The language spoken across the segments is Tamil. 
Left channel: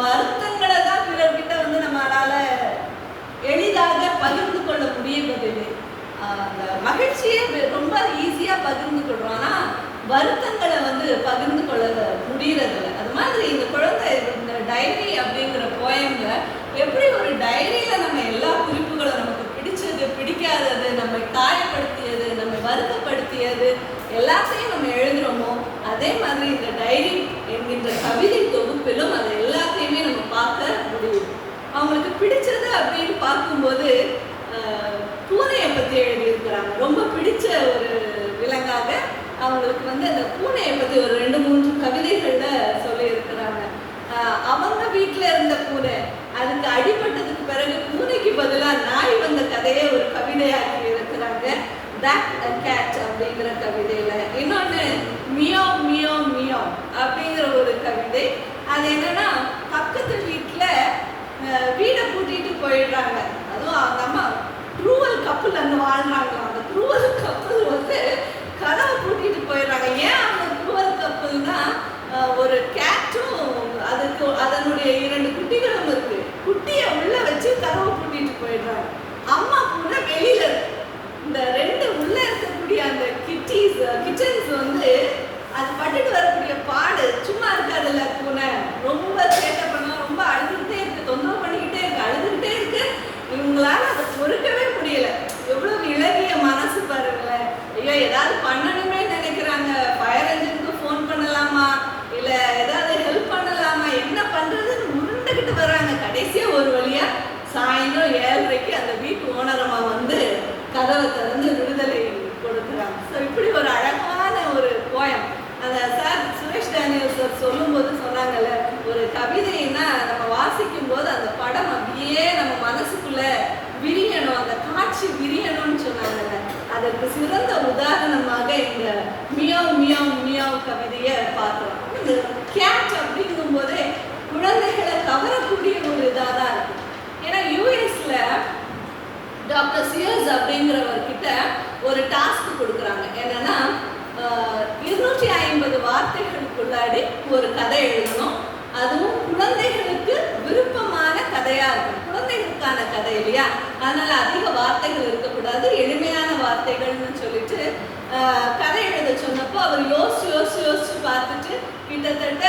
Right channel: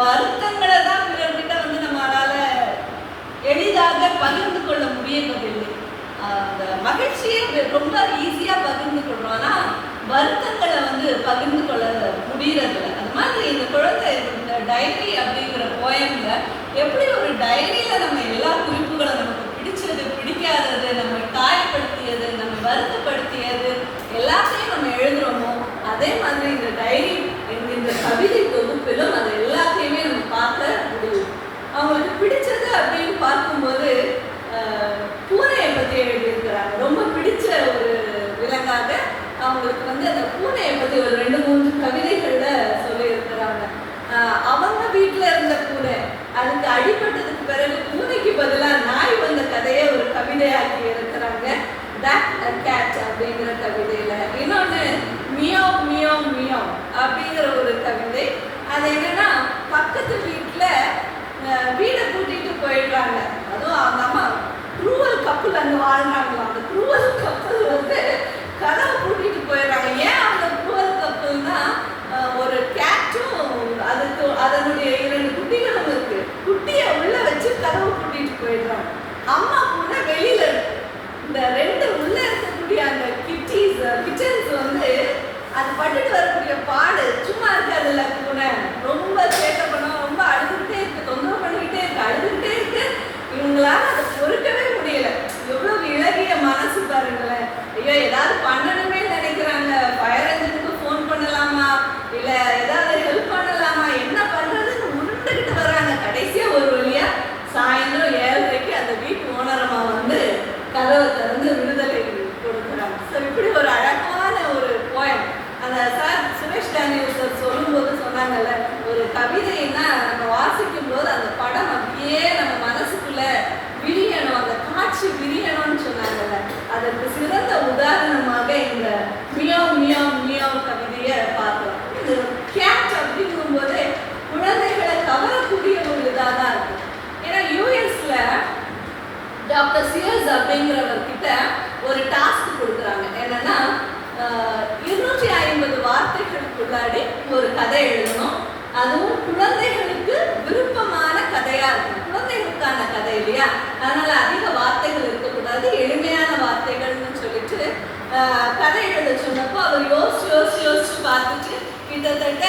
வருத்தங்களை தான் பிறர்கிட்ட வந்து நம்மளால எளிதாக பகிர்ந்து கொள்ள முடியறதில்லை. அந்த மகிழ்ச்சியை ரொம்ப ஈஸியா பகிர்ந்து கொள்றோம், ஆனா வருத்தங்களை வந்து பகிர்ந்து கொள்ள முடியறதில்லை. அது மாதிரி இந்த குழந்தை இந்த டைரி அப்படிங்கிற போயம்ல எப்படி ஒரு டைரியில நம்ம எல்லா குறிப்புகளும் நமக்கு பிடிச்சது பிடிக்காதது, நம்மை காயப்படுத்தியது, நம்ம வருத்தப்படுத்தியது எல்லாத்தையும் நம்ம எழுதுறோமோ, அதே மாதிரி இந்த டைரி என்கின்ற கவிதை தொகுப்பிலும் அது எல்லாத்தையுமே நம்ம பார்க்க முடியும். அவங்களுக்கு பிடிச்சது அப்படின்னு பார்க்கும்போது பூனையை பற்றி எழுதியிருக்கிறாங்க. ரொம்ப பிடிச்ச ஒரு விலங்காக அவங்களுக்கு வந்து அந்த பூனையை பற்றி ஒரு 2-3 கவிதைகளில் சொல்லியிருக்கிறாங்க. அவங்க வீட்டில் இருந்த பூனை அதுக்கு அடிபட்டதுக்கு பிறகு பூனைக்கு பதிலாக நாய் வந்த கதையை ஒரு கவிதையாக்கி இருக்கிறாங்க. தட் அ கேட் அப்படிங்கிற கவிதையில. இன்னொன்று மியாவ் மியாவ் மியாவ் அப்படிங்கிற ஒரு கவிதை. அது என்னன்னா, பக்கத்து வீட்டில் வீடை கூட்டிட்டு போயிடுறாங்க. அதுவும் அவங்க அம்மா க்ரூவல் கப்பல் அங்கே வாழ்றாங்களா. அந்த க்ரூவல் கப்பல் வந்து கதவை கூட்டிட்டு போயிடுறாங்க. ஏன் அந்த க்ரூவல் கப்பல்னா, ஒரு கேட்டும் அதுக்கு அதனுடைய 2 குட்டிகளும் இருக்கு. குட்டியை உள்ள வச்சு கதவை கூட்டிட்டு போயிடுறாங்க. அம்மா பூனை வெளியில இருக்கு. இந்த 2 உள்ள இருக்கக்கூடிய அந்த கிச்சன்ஸ் வந்து அது பட்டுட்டு வரக்கூடிய பாடு சும்மா இருக்காதுல்ல. பூனை ரொம்ப சேட்டை பண்ண, ரொம்ப அழுதுகிட்டே இருக்கு, தொந்தரவு பண்ணிக்கிட்டே இருக்கு, அழுதுகிட்டே இருக்கு. இவங்களால அதை பொறுக்கவே முடியல. எவ்வளவு இளகிய மனசு பாருங்களேன். ஐயோ ஏதாவது பண்ணணுமே நினைக்கிறாங்க. ஃபயர் என்ஜினுக்கு ஃபோன் பண்ணலாமா, இல்ல ஏதாவது ஹெல்ப் பண்ணலாமா, என்ன பண்றதுன்னு உருண்டுகிட்டு வராங்க. கடைசியா ஒரு வழியா சாயந்தரம் 7:30க்கு அந்த வீட்டு ஓனரமா வந்து கதவை திறந்து விடுதலை கொடுக்குறாங்க. ஸோ இப்படி ஒரு அழகான ஒரு போயம். அந்த சார் சுரேஷ் டேனியல் சார் சொல்லும்போது சொன்னாங்கல்ல, ஒரு கவிதைன்னா நம்ம வாசிக்கும் போது அந்த படம் அப்படியே நம்ம மனசுக்குள்ள விரியணும், அந்த காட்சி விரியணும்னு சொன்னாங்கல்ல. அதற்கு சிறந்த உதாரணமாக இந்த மியாவ் மியாவ் மியாவ் கவிதையை பார்க்கலாம். இந்த கேட் அப்படிங்கும் போதே குழந்தைகளை கவரக்கூடிய ஒரு இதாக தான் இருக்கு. ஏன்னா யூஎஸ்ல டாக்டர் சியர்ஸ் அப்படிங்கிறவர்கிட்ட ஒரு டாஸ்க் கொடுக்குறாங்க. என்னன்னா 250 வார்த்தைகளுக்குள்ளாடி ஒரு கதை எழுதணும். அதுவும் குழந்தைகளுக்கு விருப்பமான கதையா இருக்கும். குழந்தைகளுக்கான கதை இல்லையா, அதனால அதிக வார்த்தைகள் இருக்கக்கூடாது, எளிமையான வார்த்தைகள்னு சொல்லிட்டு கதை எழுத சொன்னப்போ அவர் யோசிச்சு பார்த்துட்டு கிட்டத்தட்ட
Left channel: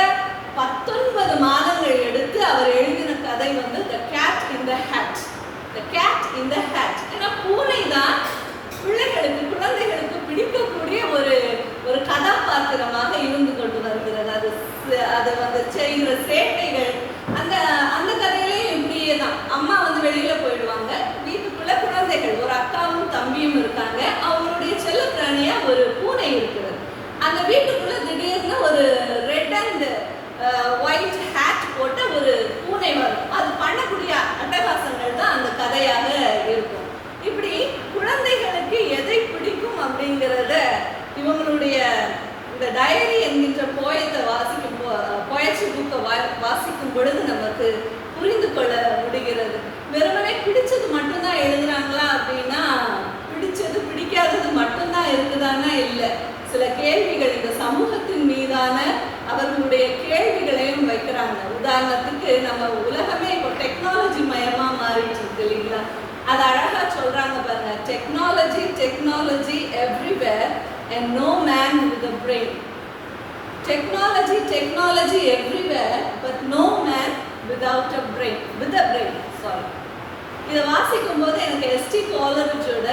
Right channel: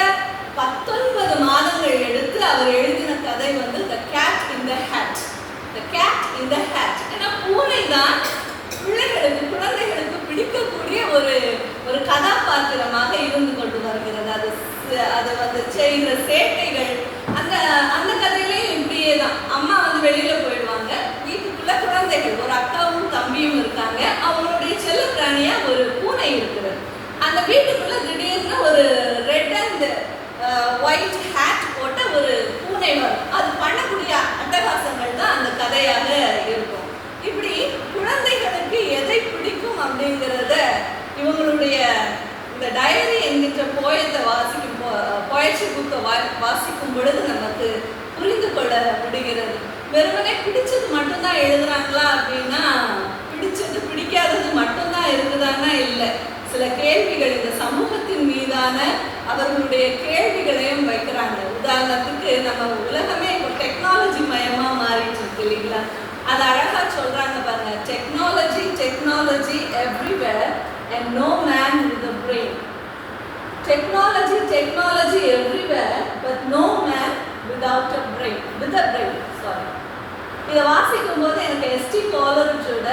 19 மாதங்கள் எடுத்து அவர் எழுதின கதை வந்து The Cat in the Hat. The Cat in the Hat. ஏன்னா பூனை தான் குழந்தைகளுக்கு பிடிக்கக்கூடிய ஒரு கதாபாத்திரமாக இருந்து கொண்டு வருகிறது. அது வந்து செய்கிற சேட்டைகள் அந்த கதையிலையும் இப்படியே தான். அம்மா வந்து வெளியில போயிடுவாங்க, வீட்டுக்குள்ள குழந்தைகள் ஒரு அக்காவும் தம்பியும் இருக்காங்க. அவங்களுடைய செல்ல பிராணியா ஒரு பூனை இருக்கிறது. அந்த வீட்டுக்குள்ள திடீர்னு ஒரு ரெட் அண்ட் ஒயிட் ஹேட் போட்ட ஒரு பூனை வரும். அது பண்ணக்கூடிய அட்டகாசங்கள் தான் அந்த கதையாக இருக்கும். இப்படி குழந்தைகளுக்கு எதை பிடிக்கும் அப்படிங்கிறத இவங்களுடைய இந்த டைரி என்கின்ற போயத்தை போயட்ரி புக்கை வாசிக்கும் பொழுது நமக்கு புரிந்து கொள்ள முடிகிறது. வெறுமனே பிடிச்சது மட்டும்தான் எழுதுறாங்களா அப்படின்னா, பிடிச்சது பிடிக்காதது மட்டும்தான் இருக்குதாங்கன்னா இல்லை. சில கேள்விகள் இந்த சமூகத்தின் மீதான அவர்களுடைய கேள்விகளையும் வைக்கிறாங்க. உதாரணத்துக்கு நம்ம உலகமே இப்போ டெக்னாலஜி மயமா மாறிட்டு இருக்கு இல்லைங்களா. அது அழகா சொல்றாங்க பாருங்க. Technology everywhere and no man with a brain. Technology everywhere but no man without a brain. With a brain, sorry. இதை வாசிக்கும் போது எனக்கு எஸ்டி கோலரிஜோட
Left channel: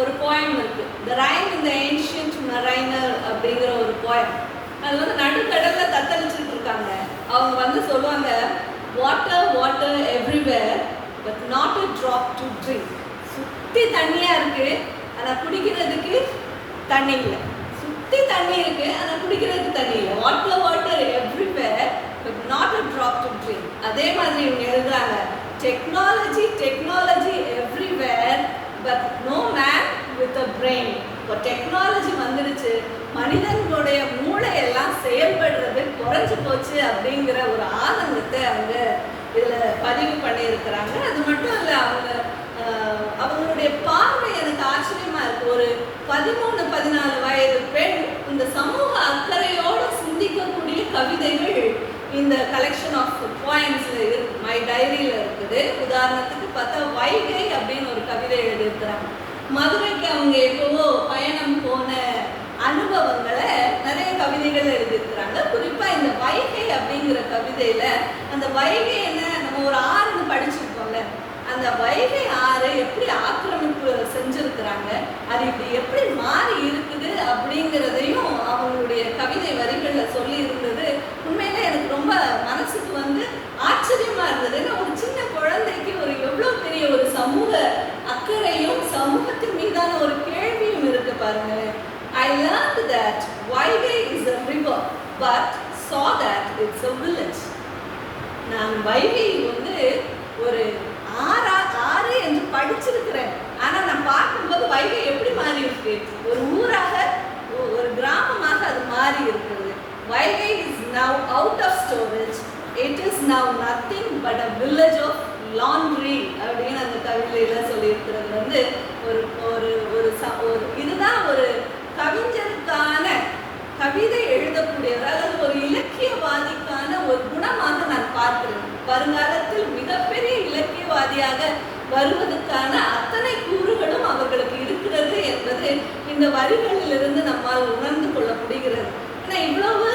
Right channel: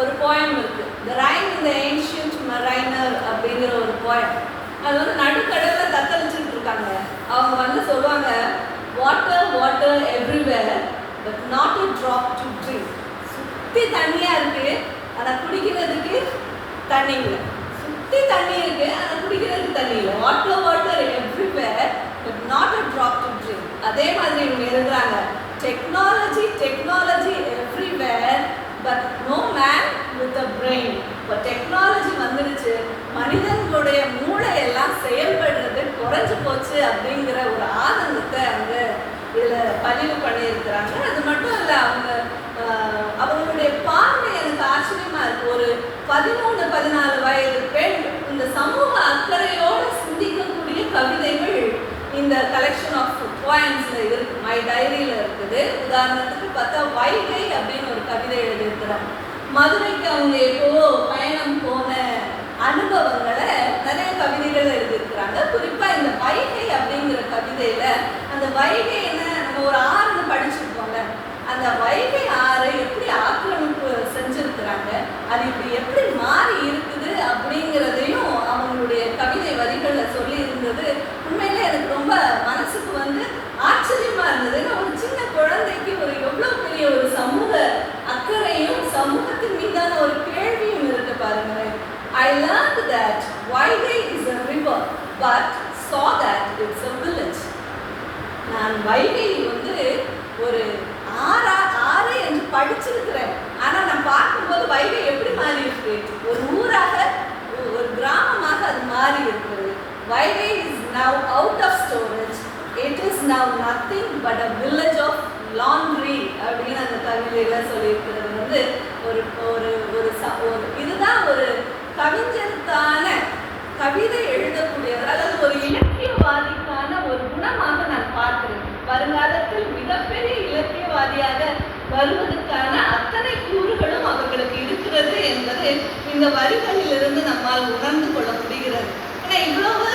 ஒரு போயம் இருக்கு, The Rime in the Ancient Mariner அப்படிங்கிற ஒரு போயம். அது வந்து நடுக்கடல்ல தத்தளிச்சுட்டு இருக்காங்க. அவங்க வந்து சொல்லுவாங்க, water everywhere but not a drop to drink. சுத்தி தண்ணியா இருக்கு, ஆனா குடிக்கிறதுக்கு தண்ணி இல்லை. சுத்தி தண்ணி இருக்கு, ஆனா குடிக்கிறதுக்கு தண்ணி இல்லை. Water everywhere but not a drop to drink. அதே மாதிரி இவங்க எழுதுறாங்க, technology everywhere but no man with a brain. இப்போ டெக்னாலஜி வந்துடுச்சு, மனிதனுடைய மூளையெல்லாம் செயல்படுறது குறைஞ்சு போச்சு அப்படிங்கிற ஒரு ஆனந்தத்தை அவங்க இதில் பதிவு பண்ணியிருக்கிறாங்க. அது மட்டும் இல்லை, அவங்களுடைய பார்வை எனக்கு ஆச்சரியமா இருக்கு. ஒரு 13-14 வயது பெண் இந்த சமூக அக்கறையோடு சிந்திக்கக்கூடிய கவிதைகள் இந்த கலெக்ஷன் ஆஃப் பாயிண்ட்ஸில் இருக்கு, மை டைரியில் இருக்குது. உதாரணத்துக்கு பார்த்தா வைகை அப்படின்னு ஒரு கவிதை எழுதியிருக்கிறாங்க. மதுரைக்கு அவங்க எப்போவோ பயணம் போன அனுபவங்களை நிறைய கவிதைகள் எழுதியிருக்கிறாங்க. குறிப்பாக இந்த வைகை அப்படிங்கிற கவிதையில் அந்த வைகை என்ன, நம்ம ஒரு ஆறுன்னு படிச்சிருப்போம்ல, அந்த வைகை ஆறு எப்படி ஆக்கிரமிப்பு செஞ்சிருக்கிறாங்க, அது இப்படி எப்படி மாறி இருக்குது அப்படிங்கிறதையும் அவங்களுடைய கவிதை வரிகளில் சொல்லி இருந்தது. உண்மையிலே எனக்கு ரொம்ப மனசுக்கு ஆச்சரியமா இருந்தது. ஏன்னா ஒரு சின்ன குழந்தைக்கு ஒரு எவ்வளோ பெரிய ஒரு சமூக அக்கறையும் சமூகத்தின் மீதான ஒரு கேள்வியும் இருக்கு பாருங்களேன். I learned that Vaigai is a river, but saw that it's a village. நான் வைகை ஒரு ஆறு என்று படிச்சிருக்கிறேன். ஆனால் நான் பார்க்கும்போது வைகை எப்படி மாறி இருக்கு, ஒரு ஊராக ஒரு கிராமமாக அது மாறி இருக்குது. Vaigai is now out of storage. It is now nothing but a village of laundry அப்படின்னு அந்த கவிதையில சொல்லியிருக்கிறது. ஒரு ஒரு ஒரு இதுதான் ஒரு கவிஞருக்கான கவிதை எழுதக்கூடியவர், அதாவது ஒரு இலக்கியவாதிக்கான ஒரு குணமாக நான் பார்க்கிறேன். வருங்காலத்தில் மிகப்பெரிய இலக்கியவாதியாக வருவதற்கான அத்தனை கூறுகளும் அவர்களுக்கு இருக்கிறது என்பது இந்த வரிகளிலிருந்து நம்மால் உணர்ந்து கொள்ள முடிகிறது. ஏன்னா இவ்வளவு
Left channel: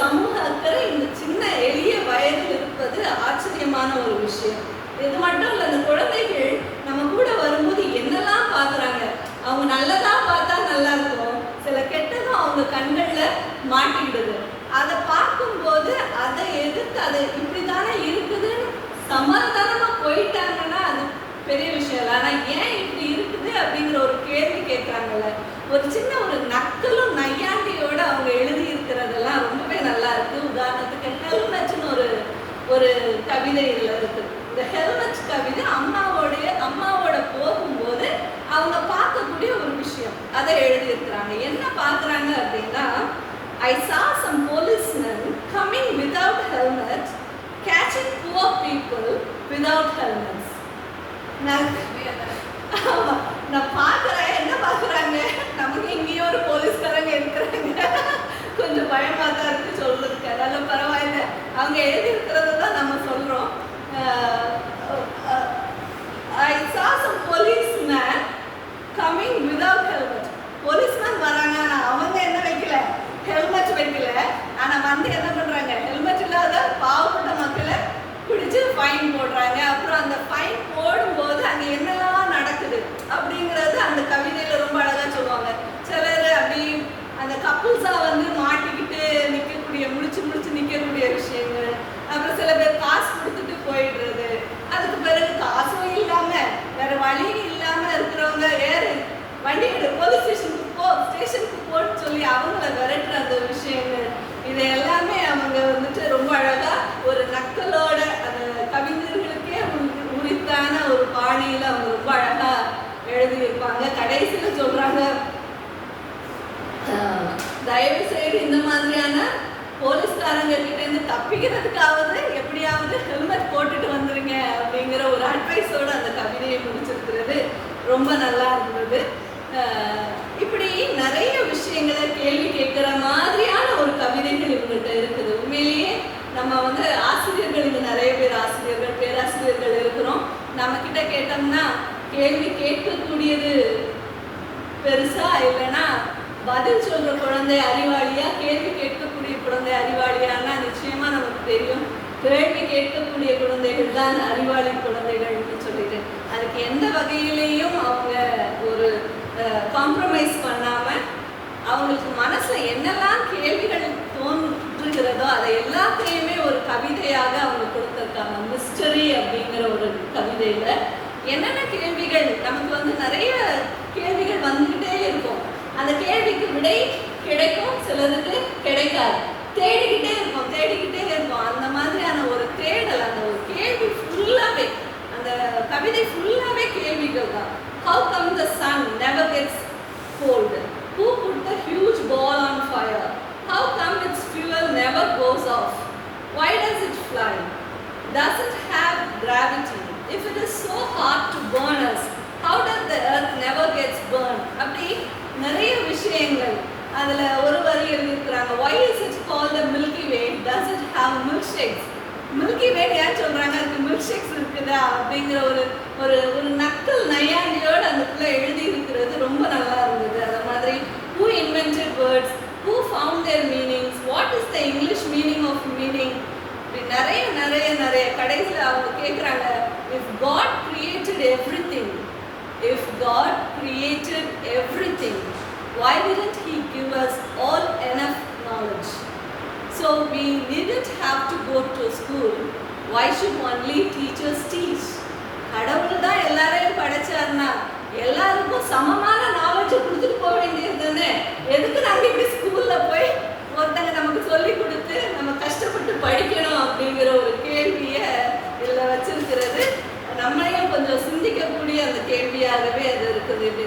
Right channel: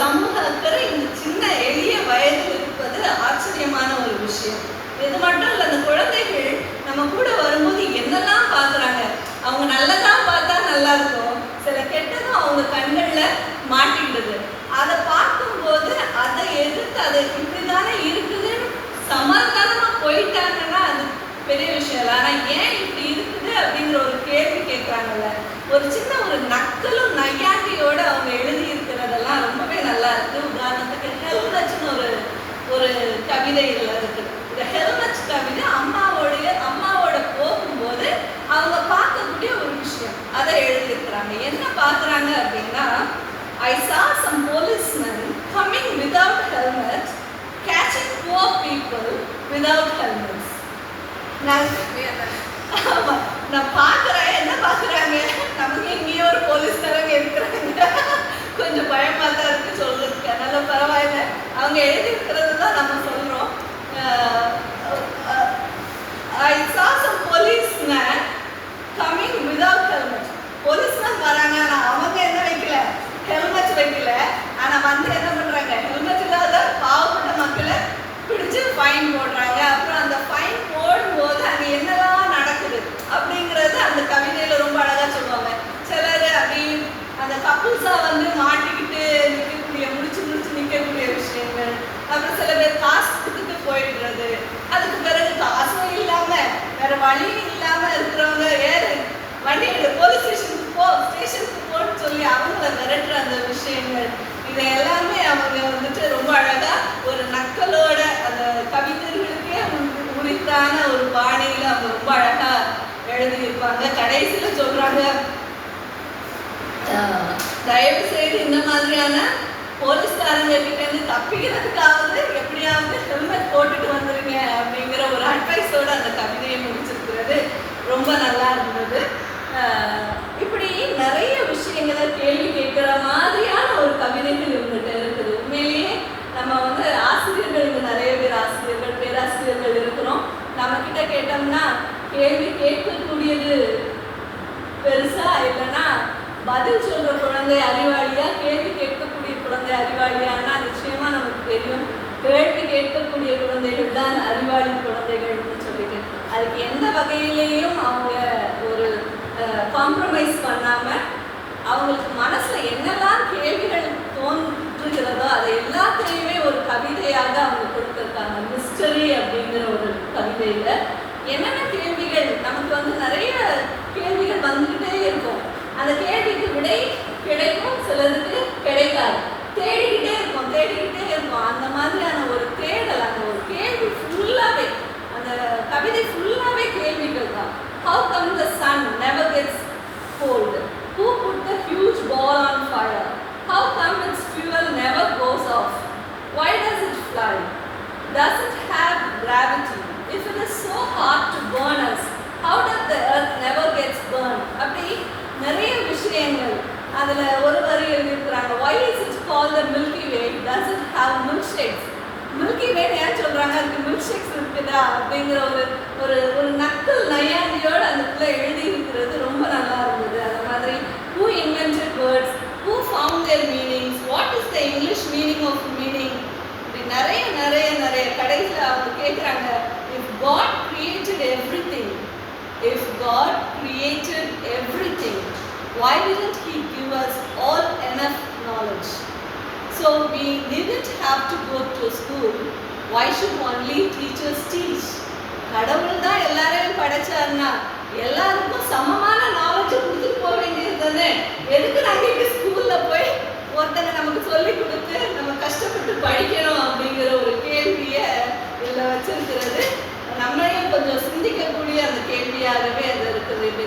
சமூக அக்கறை இந்த சின்ன எளிய வயதில் இருப்பது ஆச்சரியமான ஒரு விஷயம். இது மட்டும் இல்லை, அந்த குழந்தைகள் நம்ம கூட வரும்போது என்னெல்லாம் பார்க்குறாங்க. அவங்க நல்லதான் பார்த்தா நல்லா இருக்கும், சில கெட்டதும் அவங்க கண்களில் மாட்டிக்கிடுது. அதை பார்க்கும்போது அதை எதிர்த்து அதை இப்படிதானே இருக்குதுன்னு சமாதானமாக போயிட்டாங்கன்னா அது பெரிய விஷயம் இல்லை. ஆனால் ஏன் இப்படி இருக்குது அப்படிங்கிற ஒரு கேள்வி கேட்குறாங்கல்ல, ஒரு சின்ன ஒரு நக்கலும் நையாண்டியோடு அவங்க எழுதி இருக்கிறதெல்லாம் ரொம்பவே நல்லா இருக்கு. உதாரணத்துக்கு ஹெல்மெட்னு ஒரு கவிதையில் இருக்கு. இந்த ஹெல்மெட் கவிதை அம்மாவோட போகும்போது அவங்க பார்க்கக்கூடிய ஒரு விஷயம், அதை எழுதியிருக்கிறாங்க. என்ன பார்க்குறாங்க அப்படின்னா, I saw some policemen coming without helmets, catching poor people without helmets. நான் பார்க்குறேன், என்ன பார்க்குறாங்க, நமக்கு இங்கேயே ஒரு போலீஸ்காரங்க இருக்கிறாங்க, கொஞ்சம் பயமாக தான் இருக்குது சொல்கிறதுக்கு. அதனால் பரவாயில்ல, அவங்க எழுதியிருக்கிறது தான் நம்ம சொல்கிறோம். I saw some policemen coming without helmet. Policeman வராங்க, ஆனால் அவங்க என்ன வைக்கல, ஹெல்மெட் வைக்கல. ஆனால் என்ன பண்ணுறாங்க, ஹெல்மெட் இல்லாத பாவப்பட்ட மக்களை பிடிச்சு ஃபைன் போடுறாங்க. அப்புறம் அந்த ஃபைன் போடும்போது அங்கே என்னெல்லாம் நடக்குது அப்படிங்கிறது அந்த கவிதையில் ரொம்ப அழகாக சொல்லுவாங்க. சிலர் அப்படி அந்த கப்புள்ஸாக மாட்டிக்கிட்டு நிற்கக்கூடிய, முடிச்சு நிற்கக்கூடிய விஷயங்கள். அப்புறம் சில பேர் காசு கொடுத்துட்டு போயிடுறது. அதுக்கு பிறகு காசும் இல்லாமல் வேற வழியும் இல்லாமல் இருக்கிறவங்க ஏறு வண்டி போலீஸ் ஸ்டேஷனுக்கு போன்னு சொல்லி அவங்கள விரட்டுற அந்த விஷயங்கள், இதை எல்லாமே அவங்க ரொம்ப அழகா ஒரு நக்கலோட அந்த கவிஞர்களுக்கே உரித்தான ஒரு பாணியில அவங்க ரொம்ப அழகா எழுதியிருப்பாங்க. கடைசியில் சொல்றாங்க, தயவு செய்து இந்த மாதிரியான போலீஸ்காரங்க கிட்ட இருந்து தப்பிக்கிறதுக்காவது எப்படியாவது ஹெல்மெட் போட்டுட்டு வந்துருங்க அப்படிங்கிற ஒரு அட்வைஸோட அந்த கவிதையை முடிச்சிருக்கிறது. ரொம்ப நல்லா இருந்தது. இப்படி நிறைய விஷயங்களை கேள்வி கேட்குற மாதிரியான ஒரு கவிதைகள் இவங்ககிட்ட இருக்குது. உண்மையிலேயே நம்ம ஆசிரியர்கள், இது நிறைய பேர் ஆசிரியர்கள், பேராசிரியர்கள் இருக்கிறோம். நம்மக்கிட்ட கேட்டோம்னா கேள்வி கேட்கக்கூடியது பெருசா, இல்லைன்னா பதில் சொல்கிற குழந்தை அறிவாளியா, கேள்வி கேட்கக்கூடிய குழந்தை அறிவாளியானா நிச்சயமாக நமக்கு தெரியும். கேள்வி கேட்கக்கூடிய குழந்தைகள் தான் அறிவாளி குழந்தைகள்னு சொல்லிட்டு அதுக்கு எந்த வகையிலையும் அவங்க ஒரு காம்ப்ரமைஸ் பண்ணாமல் அவங்களுக்கு மனசில் என்னெல்லாம் கேள்விகள் தோன்றுகிறதோ அதை எல்லாத்தையுமே ஒரு கவிதையாக அவங்க கொடுத்துருக்காங்க. மிஸ்டரி அப்படிங்கிற ஒரு கவிதையில் என்னென்ன கேள்விகள் நமக்கு நிறைய கேள்விகள் வந்துக்கிட்டே இருக்கும். அந்த கேள்விக்கு விடை கிடைக்கும், சிலருக்கு கிடைக்காது. தேடிக்கிட்டே இருக்கும். அந்த மாதிரியான ஒரு தேடல், அந்த ஒரு கேள்வி ஃபுல்லாகவே, அந்த கவிதை ஃபுல்லாகவே கேள்விகள் தான். How come the sun never gets cold? Who put the huge ball on fire? How come its fuel never goes off? Why does it fly? Does it have gravity? If it is so hard to burn us, how does the earth never gets burned? அப்படி நிறைய விஷயங்கள் அதில் ஒரு வரி எழுதியிருக்கிறாங்க, why is it called the Milky Way, does it have milkshakes? Milky Way ஏன் சொல்கிறாங்க, அதுக்கு மில்க் ஷேக்ஸ் இருக்குதா அப்படிங்கிற ஒரு ஒரு ஒரு நக்கல் நையாண்டியோடு அந்த இடத்துல எழுதி இருக்கிறது ரொம்ப நல்லா இருந்தது. அந்த மாதிரி who invented words, who found their meanings, what is the English meaning of meaning, இப்படி நிறைய நிறைய நிறைய கடைசியில் அவங்க கேட்குறாங்க, if God created everything, if God created everything, why didn't he give us all enough knowledge? So we didn't have to go to school. Why should only teachers teach? கடவுள் தான் எல்லாரையும் படைச்சாருன்னா எல்லாருக்கும் சமமா